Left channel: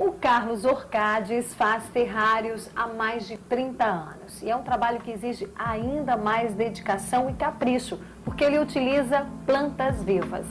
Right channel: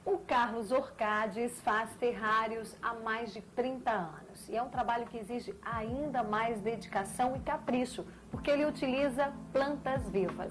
O Carlos Orcades faz terrários há mais de 30 anos e é um trabalho que exige ainda mais dedicação e capricho, porque ele utiliza plantas vivas.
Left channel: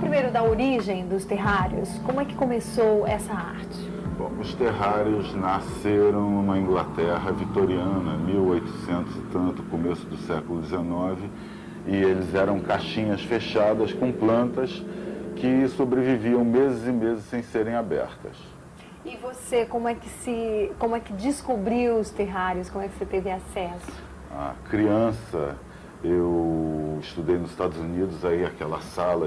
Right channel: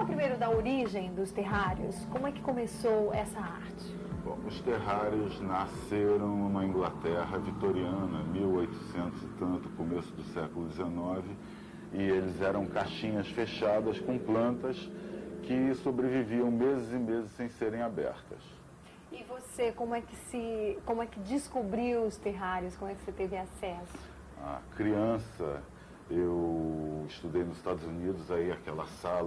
Primeiro da origem dos terrários, como é que começou essa arte? Bom, os terrários nasceram na Inglaterra vitoriana, 1800 e tanto, começo do século XIX, e eles eram caixinhas fechadas com plantas que sobreviviam meses e meses sem serem abertas. E você, como é que descobriu os terrários, como é que você teve acesso? A criança, eu estudei nos Estados Unidos, aí aquela sala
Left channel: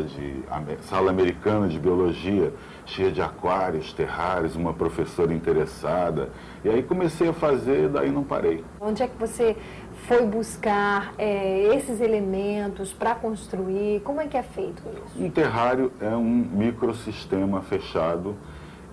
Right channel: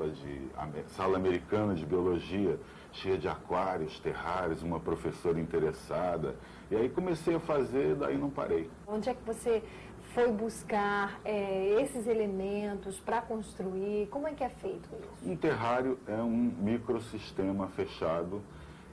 americana de biologia, cheia de aquários, terrários, uma professora interessada. E aí comecei a fazer, daí não parei. Onde é que você foi buscar esses elementos para construir? Como é que é feito isso? Um terrário é um microsistema fechado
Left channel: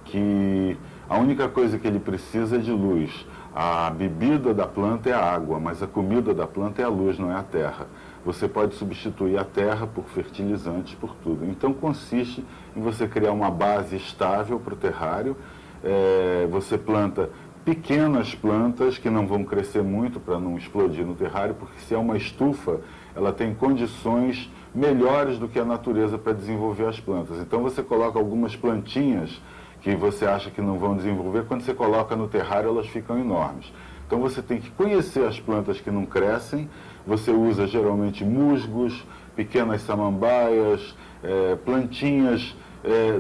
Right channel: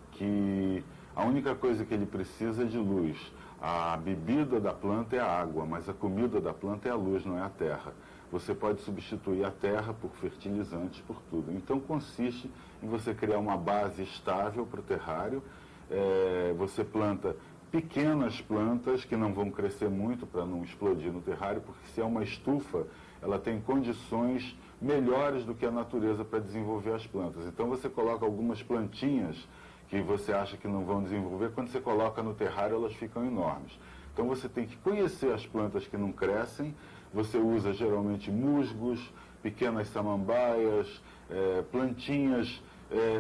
que a única coisa que ele precisa é de luz. A bebida da planta é a água, mas a comida da planta é a luz, não é a terra. Você pode substituir a terra por fertilizantes, por tudo. Então consiste em você criar uma base estável para o terrário. Você planta pequenas plantas que não vão crescer muito para não explodir no terrário, porque se é uma estufa, ela tem condições melhores do que a natureza para desenvolver as plantas. Então você coloca algumas plantinhas que você acha que não vão desenvolver, quando você coloca no terrário elas ficam enormes. Então você tem que conhecer as plantas que não crescem, você usa geralmente musgos, pequenas samambaias, plantinhas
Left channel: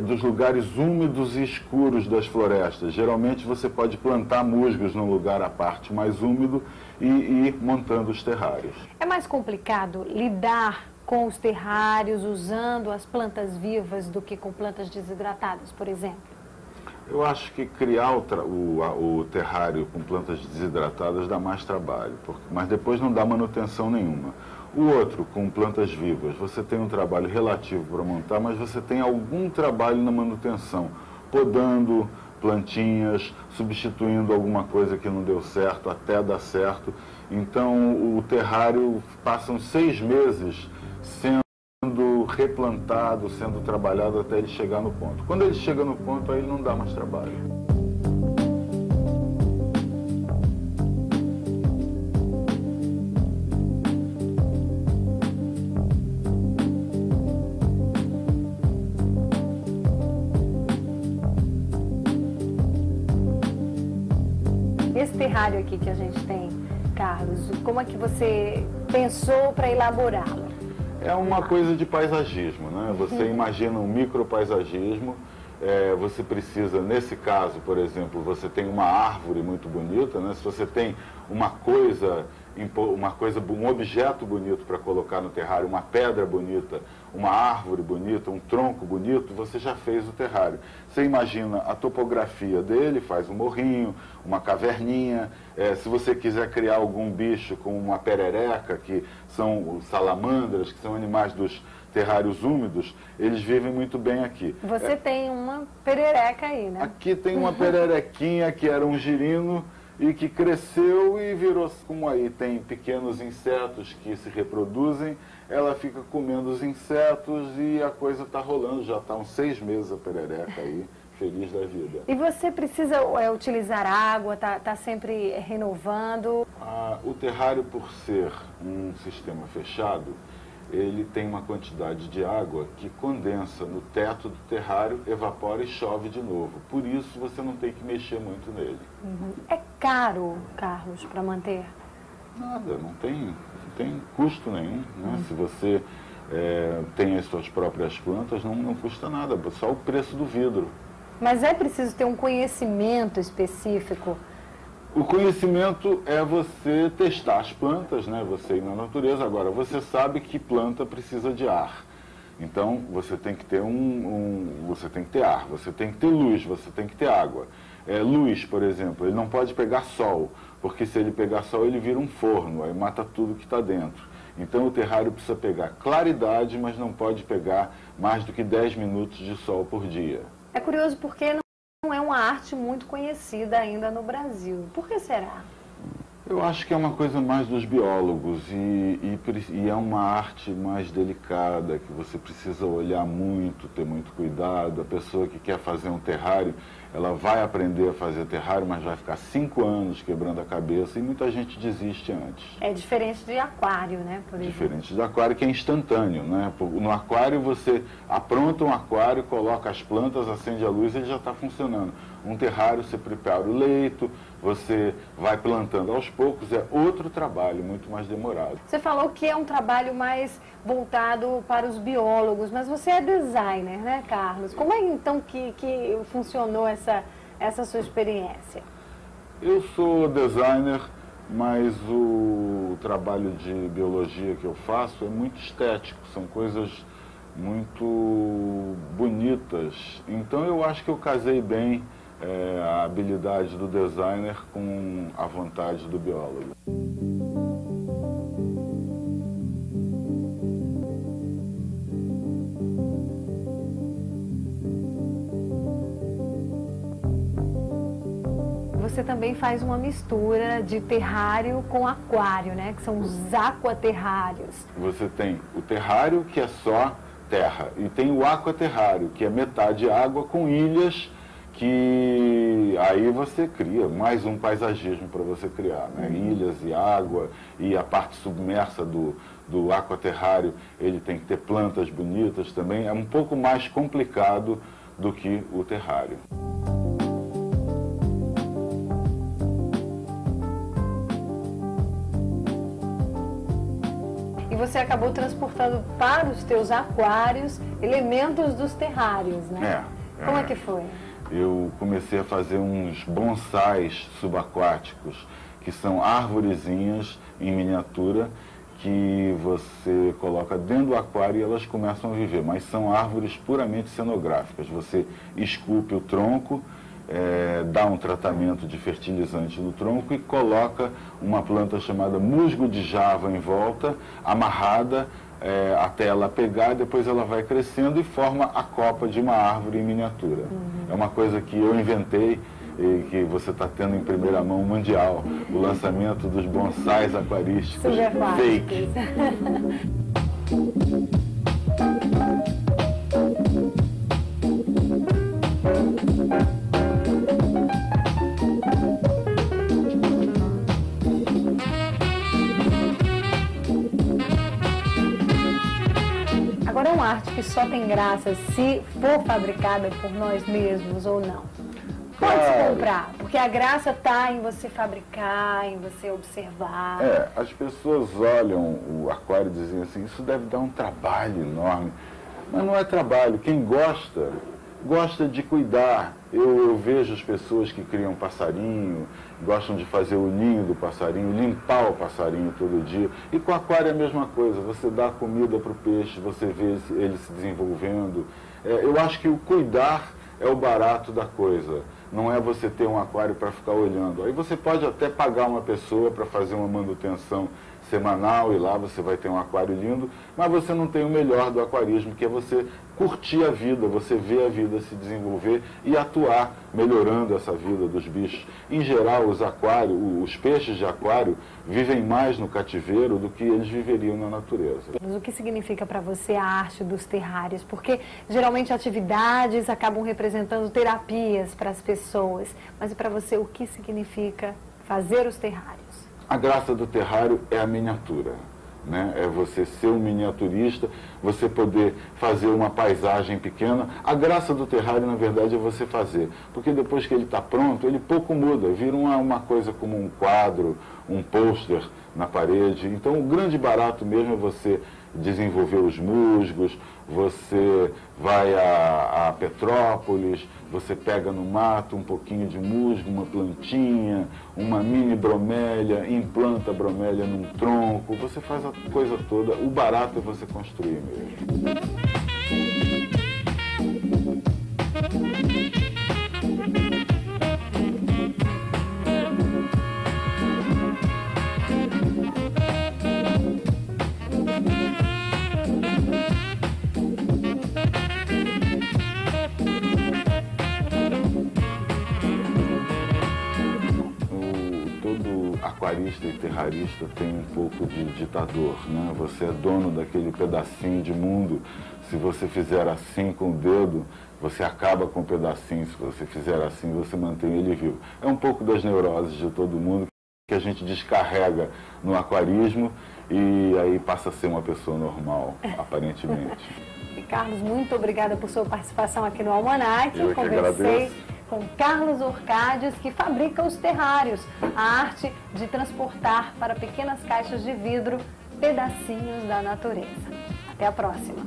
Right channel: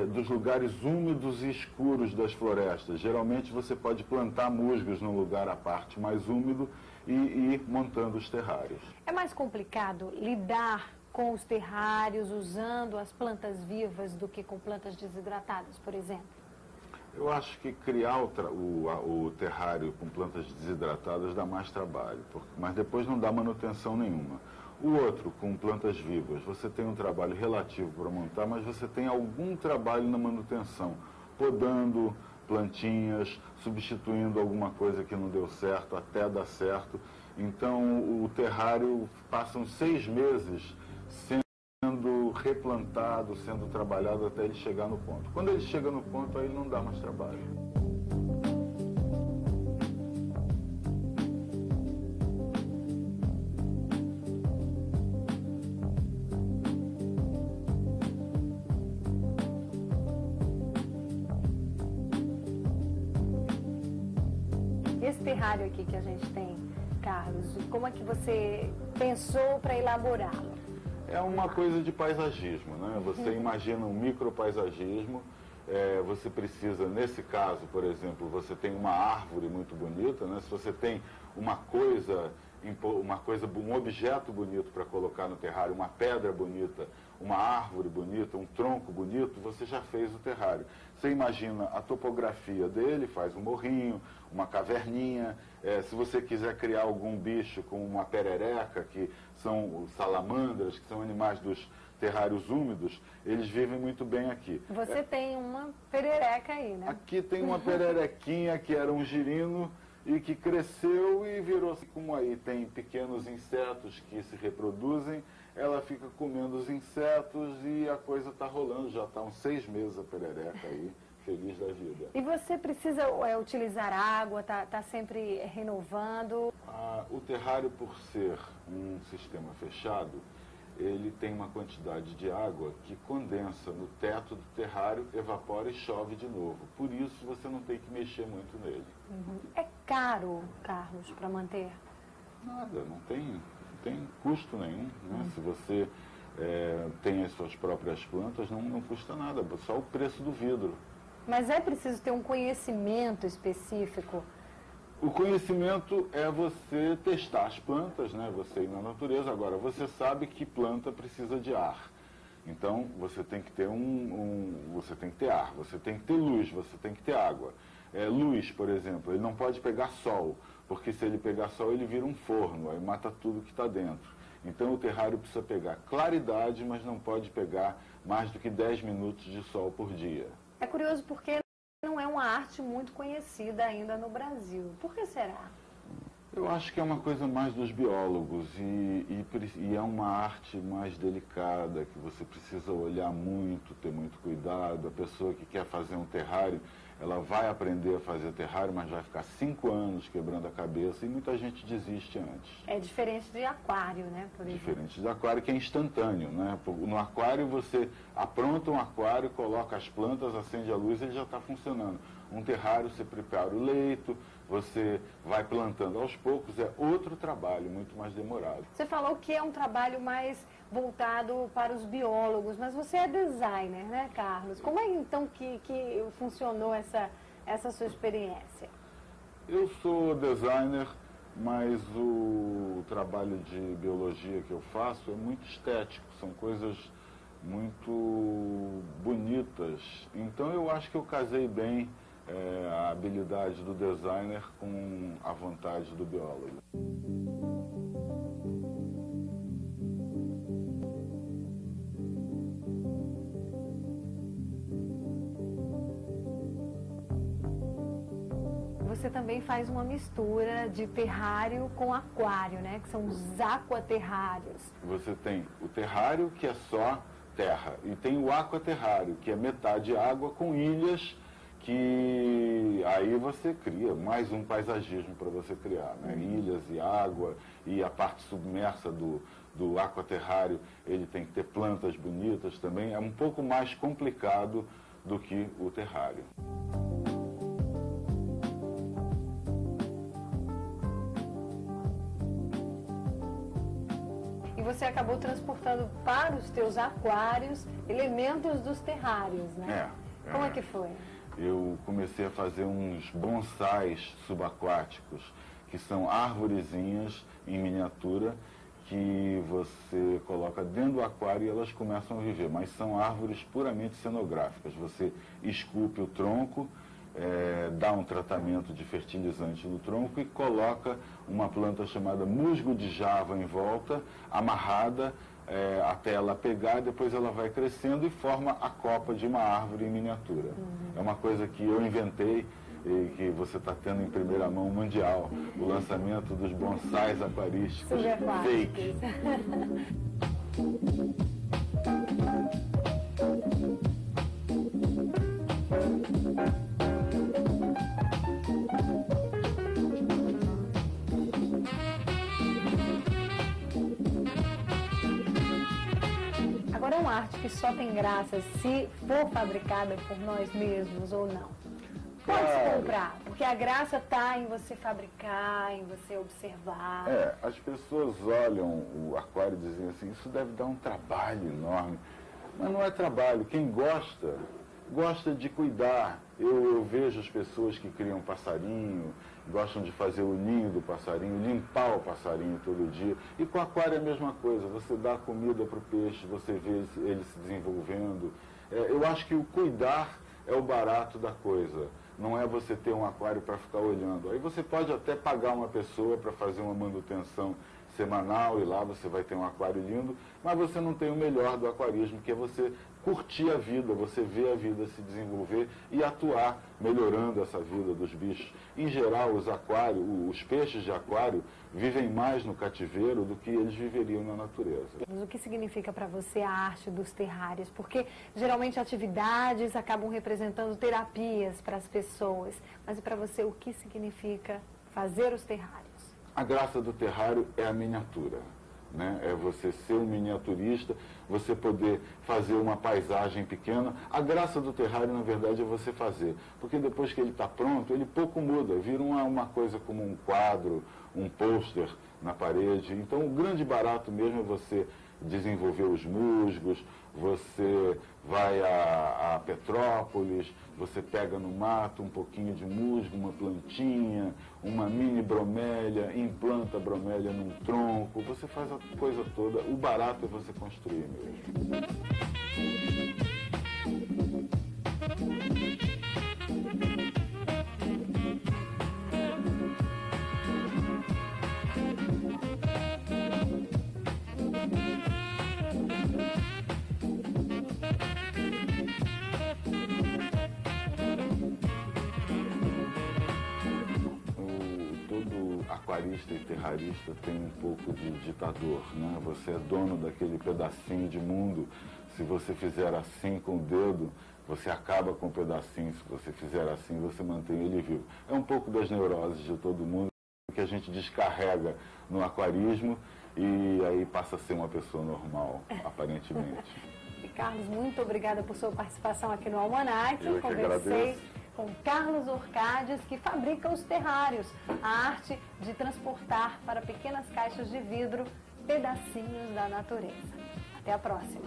dos lugares úmidos e escuros das florestas. Geralmente você pode plantar musgos num lugar à parte mais úmido e ir montando os terrários. É mais complicado lidar com os terrários usando as plantas vivas do que com plantas desidratadas, por exemplo? Eu acho que criar o terrário com plantas desidratadas dá mais trabalho, mas depois não dá manutenção nenhuma. O outro, com plantas vivas, você tem um trabalho relativo para montar, mas você tem algum trabalho na manutenção, podando plantinhas, substituindo alguma coisa que não deu certo, até dar certo. Então o terrário passam 6 meses sendo replantado, sendo trabalhado até ele chegar no ponto. Quando ele chega no ponto, aí não dá mais trabalho. Esse terrário aqui que a gente tem, Carlos, como é que você pensou para elaborá-lo? É uma coisa de paisagismo, né? Você imagina um micropaisagismo, você precisa, nesse caso, por exemplo, você tem uma árvore muito bonita, né? Se você tem um objeto bonito para colocar no terrário, uma pedra bonita, uma árvore bonita, um tronco bonito, você já fez o terrário. Você imagina a topografia dele, faz um morrinho, uma caverninha. Se você quiser criar algum bicho como uma perereca, que são salamandras, que são animais dos terrários úmidos, eles vivem muito bem aqui. Você tem uma perereca aí, né? Aqui tem uma pererequinha que era um girino e que cresceu e virou, como aí tem pequenos insetos que se reproduzem, ela fica comendo os insetos e a coisa está rolando, já está uns 6 meses a perereca aí, feliz da vida. E você precisa utilizar água, tá sempre renovando? O terrário, por ser um sistema fechado, ele tem uma quantidade de água que condensa no teto do terrário, evapora e chove de novo. Por isso você não tem que mexer muito nele. É caro, Carlos, para manter? Nada, não tem custo nenhum, né? Se você tem as suas próprias plantas, não custa nada, só o preço do vidro. Mas é preciso ter um conhecimento específico? O conhecimento é você testar as plantas, né? Você ir na natureza. Agora, você sabe que planta precisa de ar. Então, você tem que ter você tem que ter ar, você tem que ter luz, você tem que ter água. Luz, por exemplo, ele não pode pegar sol. porque se ele pegar sol ele vira um forno, aí mata tudo que está dentro. Então o terrário precisa pegar claridade, mas não pode pegar mais do que 10 minutos de sol por dia. É curioso porque não é uma arte muito conhecida ainda no Brasil. Por que será? Eu acho que é uma coisa mais dos biólogos e é uma arte mais delicada, que você precisa olhar muito, ter muito cuidado. A pessoa que quer fazer um terrário, ela vai aprender a fazer terrário, mas vai ficar 5 anos quebrando a cabeça e muita gente desiste antes. É diferente de aquário, né? Por exemplo. Diferente de aquário, que é instantâneo, né? No aquário você apronta um aquário, coloca as plantas, acende a luz e ele já está funcionando. Um terrário você prepara o leito, você vai plantando aos poucos, é outro trabalho, muito mais demorado. Você falou que é um trabalho mais voltado para os biólogos, mas você é designer, né, Carlos? Como é então que funcionou essa sua experiência? Eu sou designer, mas o trabalho de biologia que eu faço é muito estético, são coisas muito bonitas. Então eu acho que eu casei bem a habilidade do designer com a vontade do biólogo. Você também faz uma mistura de terrário com aquário, né? Que são os aquaterrários. Você tem o terrário, que é só terra, e tem o aquaterrário, que é metade água com ilhas, que aí você cria mais um paisagismo para você criar, né? Ilhas e água, e a parte submersa do aquaterrário, ele tem que ter plantas bonitas também, é um pouco mais complicado do que o terrário. E você acabou transportando para os teus aquários elementos dos terrários, né? Como é que foi? Eu comecei a fazer uns bonsais subaquáticos, que são arvorezinhas em miniatura, que você coloca dentro do aquário e elas começam a viver, mas são árvores puramente cenográficas. Você esculpe o tronco, dá um tratamento de fertilizante no tronco e coloca uma planta chamada musgo de Java em volta, amarrada, até ela pegar, depois ela vai crescendo e forma a copa de uma árvore em miniatura. É uma coisa que eu inventei e que você está tendo em primeira mão mundial, o lançamento dos bonsais aquarísticos fake. Agora, é uma arte que só tem graça se for fabricada por nós mesmos ou não? Pode comprar, porque a graça está em você fabricar, em você observar. As pessoas olham o aquário e dizem assim, isso deve dar um trabalho enorme. Mas não é trabalho. Quem gosta, gosta de cuidar. Eu vejo as pessoas que criam passarinho, gostam de fazer o ninho do passarinho, limpar o passarinho todo dia. E com o aquário é a mesma coisa. Você dá comida para o peixe, você vê ele se desenvolvendo. Eu acho que o cuidar é o barato da coisa. Não é você ter um aquário para ficar olhando. Aí você pode até pagar uma pessoa para fazer uma manutenção semanal e lá você vai ter um aquário lindo, mas você não tem o melhor do aquarismo, que é você curtir a vida, você ver a vida se desenvolver e atuar melhorando essa vida dos bichos. Em geral, os peixes de aquário vivem mais no cativeiro do que eles viveriam na natureza. Mas o que significa para você a arte dos terrários? Porque geralmente atividades acabam representando terapias para as pessoas. Mas e para você, o que significa fazer os terrários? A graça do terrário é a miniatura, né? É você ser um miniaturista, você poder fazer uma paisagem pequena. A graça do terrário, na verdade, é você fazer, porque depois que ele está pronto, ele pouco muda, vira uma coisa como um quadro, um pôster na parede. Então, o grande barato mesmo é você desenvolver os musgos, você vai a Petrópolis, você pega no mato um pouquinho de musgo, uma plantinha, uma mini bromélia, implanta a bromélia num tronco, você faz a coisa toda. O barato é você construir mesmo. aquarista e terrarista tem um pouco de ditador, né? Você é dono daquele pedacinho de mundo. Se você fizer assim com o dedo, você acaba com o pedacinho. Se você fizer assim, você mantém ele vivo. É um pouco das neuroses de todo mundo que a gente descarrega no aquarismo e aí passa a ser uma pessoa normal, aparentemente. Carlos, muito obrigada por sua participação aqui no Almanac. Eu conversei com Carlos Orcádios, que fabrica os terrários, a arte de transportar para pequenas caixas de vidro pedacinhos da natureza. Até a próxima!